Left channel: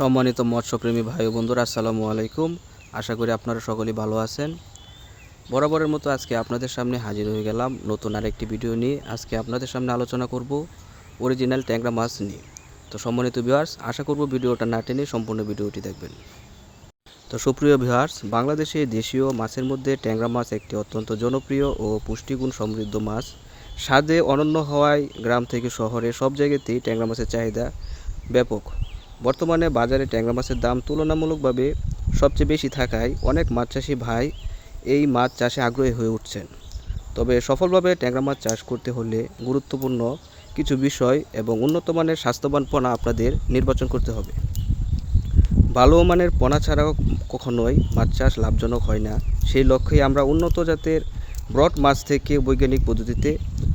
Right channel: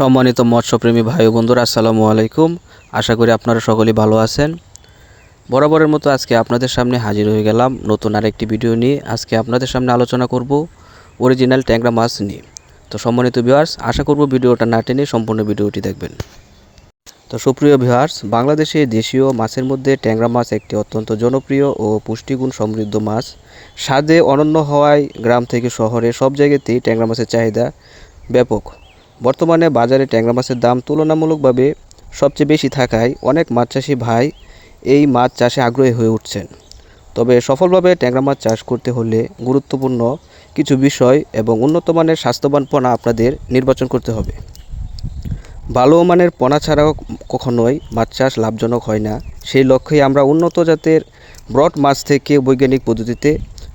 সম্মানিত মৎস্যপ্রেমী ভাই ও বন্ধুরা, আসসালামু আলাইকুম। আশা করি আপনারা সকলেই ভালো আছেন। বরাবরের মতো আজকে আপনাদের সামনে হাজির হয়ে গেলাম নতুন আরেকটি ভিডিও নিয়ে। আজকে আপনাদের সামনে আলোচনা করব অরিজিনাল ট্যাংরা মাছ নিয়ে। তো সম্মানিত ভিউয়ার্স, আশা করব ভিডিওটা না টেনে সম্পূর্ণ ভিডিওটি দেখবেন। তো সুপ্রিয় ভিউয়ার্স, বাংলাদেশে দেশীয় মাছের মধ্যে ট্যাংরা মাছ একটি অত্যন্ত জনপ্রিয় ও পুষ্টিগুণ সমৃদ্ধ মাছ। স্বাদে অনন্য হওয়ায় গ্রাম থেকে শহরে সব জায়গাতেই ট্যাংরা মাছের চাহিদা ব্যাপক। বর্তমানে বাজারে ট্যাংরা মাছের দাম তুলনামূলকভাবে সবচেয়ে বেশি থাকায় অনেক মাছ চাষি ভাই এই মাছ চাষে আগ্রহী হয়ে উঠছেন। তবে সফলভাবে ট্যাংরা মাছ চাষ করতে হলে গুরুত্বপূর্ণ কিছু বিষয় এবং উন্নত মানের স্বাস্থ্যবান পোনা আপনাদের নির্বাচন করতে হবে। ভালো মানের পোনা ছাড়াও কখনোই মাছ চাষ লাভজনক হয় না। সেই লক্ষ্যেই আমরা উন্নত জাতের ব্রড মাছ থেকে বৈজ্ঞানিক পদ্ধতিতে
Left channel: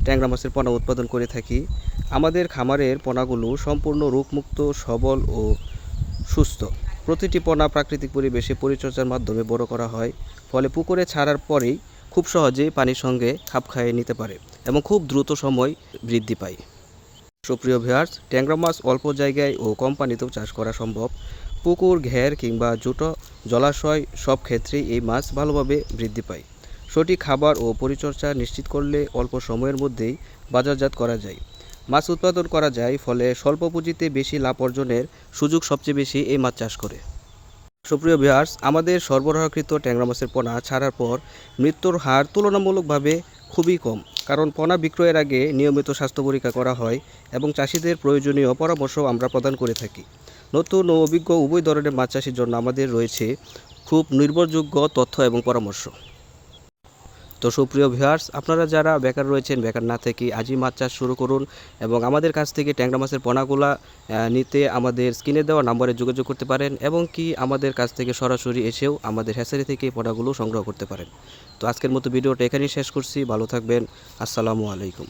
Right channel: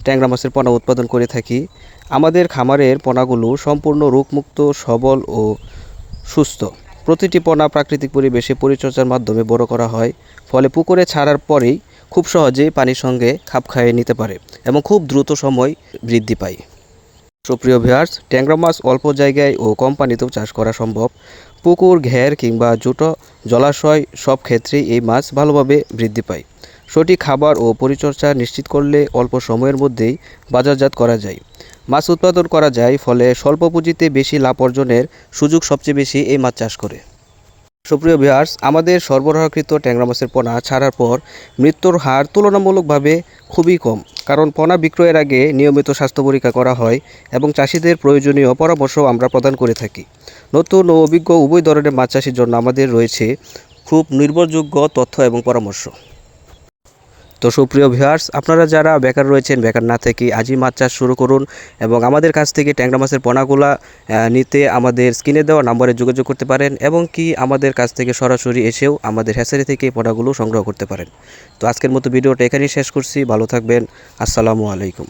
ট্যাংরা মাছের পোনা উৎপাদন করে থাকি। আমাদের খামারের পোনাগুলো সম্পূর্ণ রোগমুক্ত, সবল ও সুস্থ। প্রতিটি পোনা প্রাকৃতিক পরিবেশে পরিচর্যার মাধ্যমে বড় করা হয়, ফলে পুকুরে ছাড়ার পরেই খুব সহজেই পানির সঙ্গে খাপ খাইয়ে নিতে পারে এবং খুব দ্রুত সময় বৃদ্ধি পায়। সুপ্রিয় ভিউয়ার্স, ট্যাংরা মাছ অল্প জায়গায় ও কম পানিতেও চাষ করা সম্ভব। পুকুর, ঘের কিংবা ছোটো জলাশয় সব ক্ষেত্রেই এই মাছ ভালোভাবে বৃদ্ধি পায়। সঠিক খাবার ও পরিচর্যা নিশ্চিত করলে অল্প সময়ের মধ্যেই বাজারজাত করা যায়, মাছ উৎপাদন করা যায়। ফলে স্বল্প পুঁজিতে বেশি লাভ অর্জনের সুযোগ সবচেয়ে বেশি এই মাছ চাষ করে। সুপ্রিয় ভিউয়ার্স, আমাদের সরবরাহকৃত ট্যাংরা মাছের পোনা ছাড়ার পর মৃত্যুর হার তুলনামূলকভাবে খুবই কম, কারণ পোনা বিক্রয়ের আগে নিয়মিত স্বাস্থ্য পরীক্ষা করা হয় এবং চাষিদের প্রয়োজনীয় পরামর্শ আমরা প্রদান করে থাকি। নতুন ও অভিজ্ঞ উভয় ধরনের মাছ চাষির জন্য আমাদের রয়েছে খুব নির্ভরযোগ্য তথ্য এবং পরামর্শ। তো সুপ্রিয় ভিউয়ার্স, আপনারা যারা বেকার রয়েছেন, বেকার না থেকে আজই মাছ চাষ শুরু করুন এবং আমাদের কাছ থেকে ট্যাংরা মাছের পোনাগুলা নিতে আমাদের স্ক্রিনে দেওয়া নম্বরে যোগাযোগ করতে পারেন এবং কি আমাদের কাছ থেকে সরাসরি এসেও আমাদের হ্যাচারি থেকে পোনাগুলো সংগ্রহ করতে পারেন। তো আজকের মতো ভিডিওটা এখানেই শেষ করছি। ভালো থাকবেন। আসসালামু আলাইকুম।